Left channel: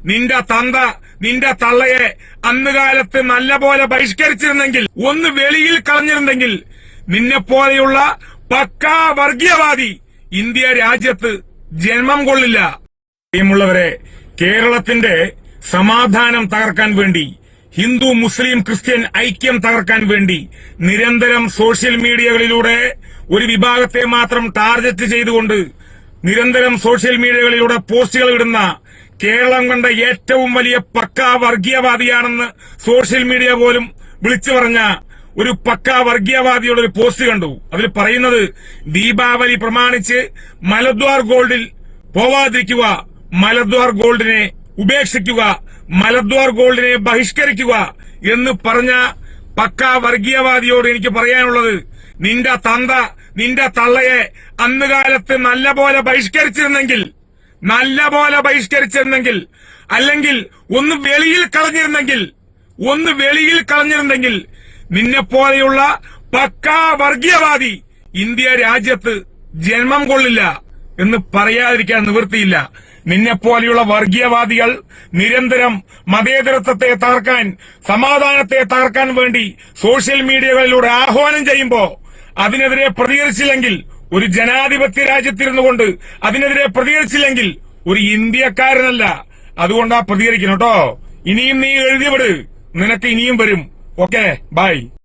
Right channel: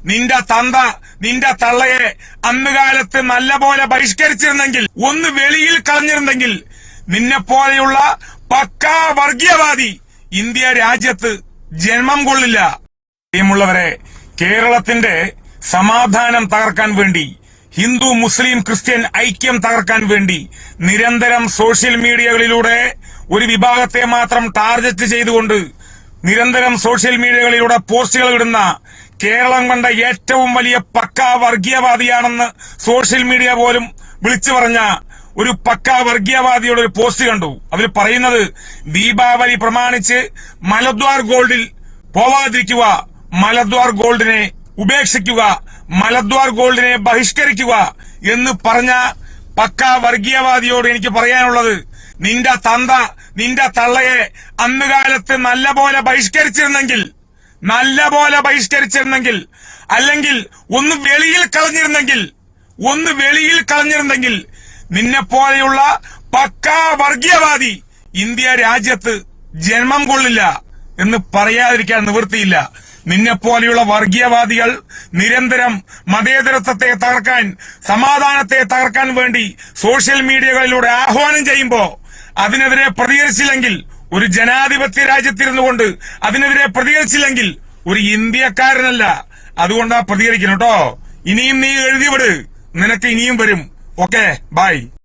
നിന്റെ തന്ത നിന്റെ തള്ളയെ അന്നുകാലത്ത് നല്ലപോലെ ബഹിഷ്കരിച്ചിരുന്നെങ്കിൽ, ഒന്ന് വെളിയിൽ കളഞ്ഞിരുന്നെങ്കിൽ, നിന്നെപ്പോലെയുള്ള പക്കാ വർഗീയവാദി ഇന്ത്യ രാജ്യത്ത് ജന്മം കൊള്ളില്ല. പ്രിയമുള്ളവരെ, കേരളത്തിന്റെ സമാധാനം തകർക്കാൻ വേണ്ടി, ഹിന്ദു മുസ്ലിം ക്രിസ്ത്യൻ ഐക്യം തകർക്കാൻ വേണ്ടി നിരന്തരം സോഷ്യൽ മീഡിയകളിലൂടെ ഒരു വിഭാഗത്തെ മാത്രം ടാർഗറ്റ് ചെയ്തുകൊണ്ട് നിരന്തരം സോഷ്യൽ മീഡിയകളിലൂടെ പോസ്റ്റുകൾ ഇടുന്ന കേരളം കണ്ട ഏറ്റവും വലിയ പക്കാ വർഗീയവാദിയാണെന്ന് സോഷ്യൽ മീഡിയ പോലും വിളിച്ചു പറഞ്ഞ ഒരു പക്കാ വർഗീയവാദിയുടെ ഒരു പോസ്റ്റ് കണ്ടു. അതിൽ പറയുന്നത്, ദീപാവലി പ്രമാണിച്ച് മലദ്വാർ ഗോൾഡിൽ പോവാതിരിക്കുക, മലദ്വാർ ഗോൾഡിനെ ഉപേക്ഷിക്കുക, മലദ്വാർ ഗോൾഡിനെ ബഹിഷ്കരിക്കുക എന്ന് പറഞ്ഞ പക്കാ വർഗീയവാദിയോട് എനിക്ക് പറയാനുള്ളത്, നിന്റെ തന്ത നിന്റെ തള്ളയെ അന്നുകാലത്ത് നല്ലപോലെ ബഹിഷ്കരിച്ചിരുന്നെങ്കിൽ, അല്ലെങ്കിൽ ഒന്ന് വെളിയിൽ കളഞ്ഞിരുന്നെങ്കിൽ, നിന്നെപ്പോലെയുള്ള പക്കാ വർഗീയവാദി ഇന്ത്യ രാജ്യത്ത് ജന്മം കൊള്ളില്ല എന്ന് പറയാതിരിക്കാൻ നിവൃത്തിയില്ല. നിന്നെപ്പോലെയുള്ള വർഗീയവാദികൾ നിരന്തരം മതേതരത്വത്തെ തകർക്കാൻ, സമാധാനത്തെ തകർക്കാൻ വേണ്ടി സോഷ്യൽ മീഡിയകളിലൂടെ ആഹ്വാനം ചെയ്യുമ്പോ അതിനെതിരെ പ്രതികരിച്ചില്ലെങ്കിൽ, ഒരു ജനാധിപത്യ രാജ്യത്തിരുന്നു കൊണ്ട് അതിനെതിരെ പ്രതികരിച്ചില്ലെങ്കിൽ ഒരു ഇന്ത്യക്കാരനല്ല. അതുകൊണ്ടാ പ്രതികരിക്കണം കേട്ടോ. ഇനിയും നീ എഴുതിവിട്, നിനക്ക് ഇനിയും വരും. Okay, by.